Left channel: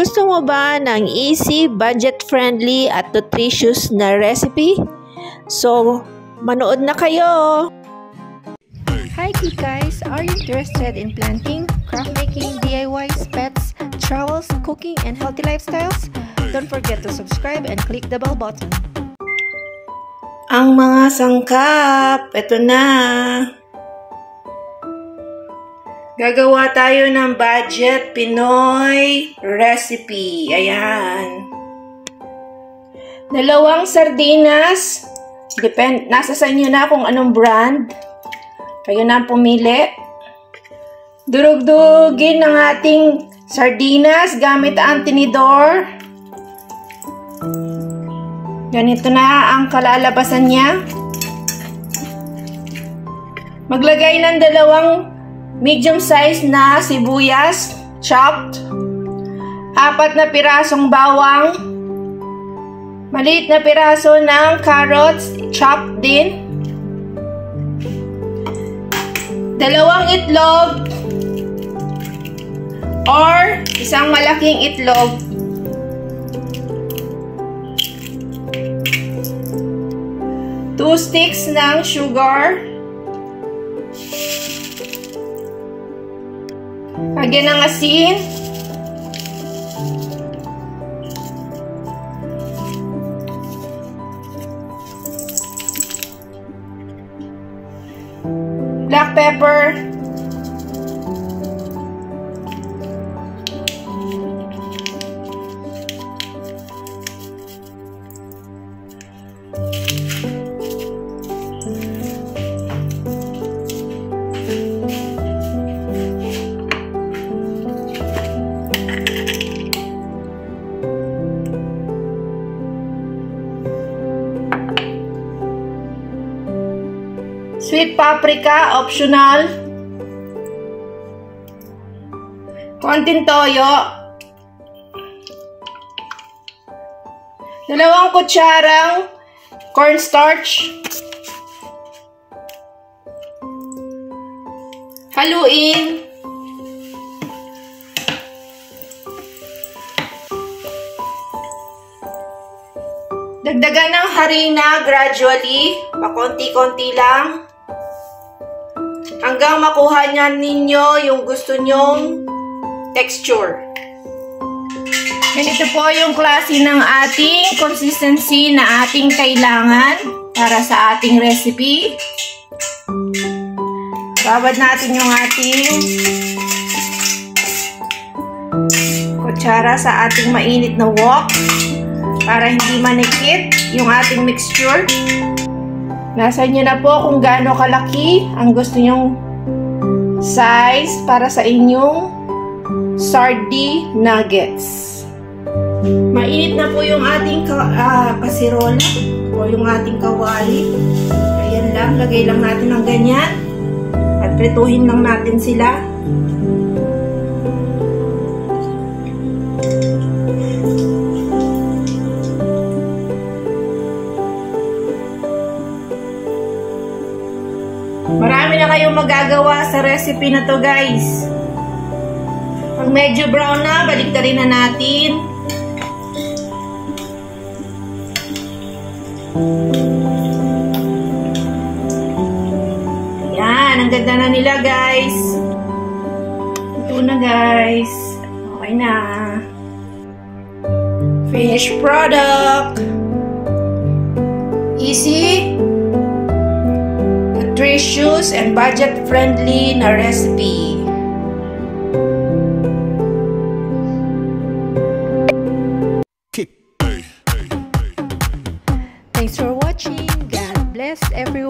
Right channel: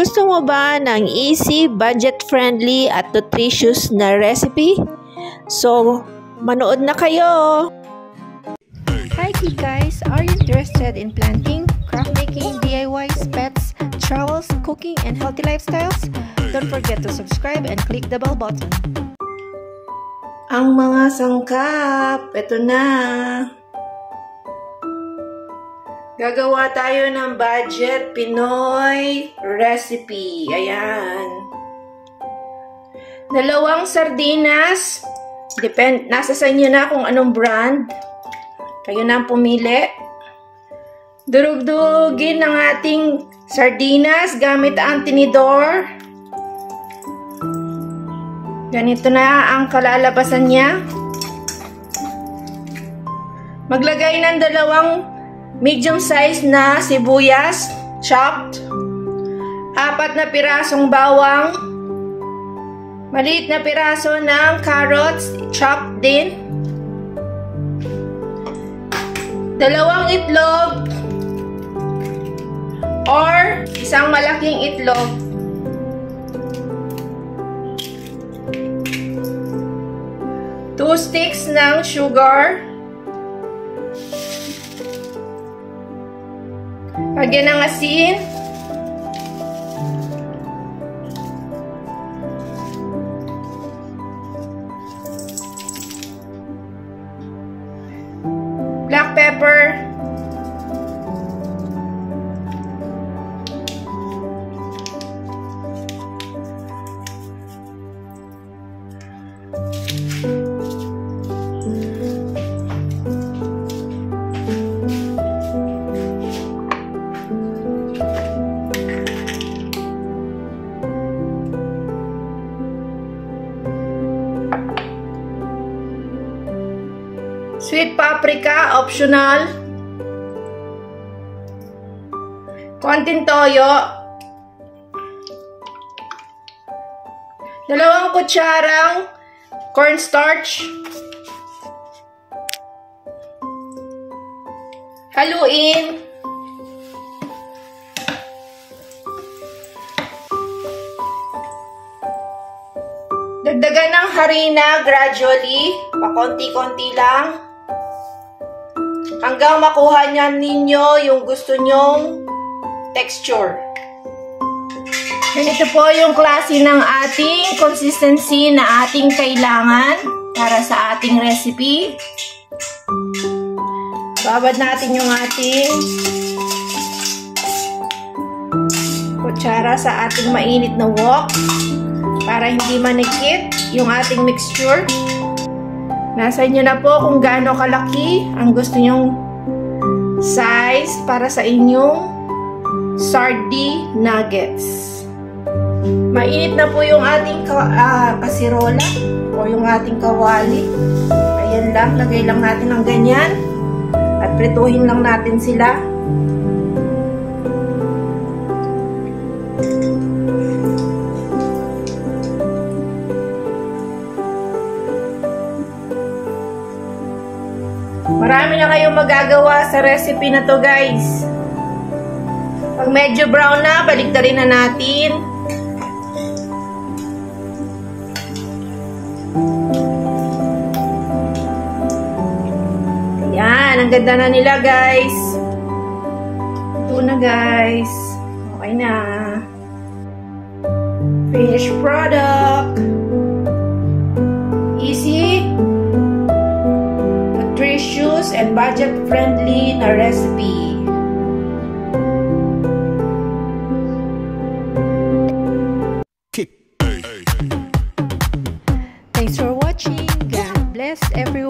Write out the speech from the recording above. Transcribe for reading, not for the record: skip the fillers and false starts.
Gusto mo ba ng easy, budget-friendly at nutritious na recipe? So, manood na kayo! Hi guys! Are you interested in planting, craft making, DIYs, pets, travels, cooking, and healthy lifestyles? Don't forget to subscribe and click the bell button. Ang mga sangkap, ito na! Gagawa tayo ng budget Pinoy recipe. Ayan. 2 sardinas. Nasa sa inyo na kung anong brand. Kayo na ang pumili. Durug-dugin ng ating sardinas gamit ang tinidor. Ganito na ang kalalabasan niya. Maglagay ng 2 medium size na sibuyas, chopped. 4 na pirasong bawang. Maliit na piraso ng carrots, chopped din. 2 itlog or isang malaking itlog. 2 sticks ng sugar. Lagyan ng asin. Black pepper. Sweet paprika, optional. Konting toyo. 2 kutsarang cornstarch. Haluin. Dagdagan ng harina gradually, pakonti-konti lang. Hanggang makuha ninyo yung gusto nyong texture. Ganito po yung klase ng ating consistency na ating kailangan para sa ating recipe. Babad natin yung ating kutsara sa ating mainit na wok para hindi manikit yung ating mixture. Nasa inyo na po kung gaano kalaki ang gusto nyong size para sa inyong sardine nuggets. Mainit na po yung ating kasirola o yung ating kawali. Ayan lang, lagay lang natin ng ganyan at prituhin lang natin sila. Marami na kayong magagawa sa recipe na to, guys. Pag medyo brown na, baliktarin na natin. Ayan, ang ganda na nila, guys. Ito na, guys. Okay na. Finished product. Easy, nutritious, and budget-friendly na recipe. Thanks for watching. God bless everyone.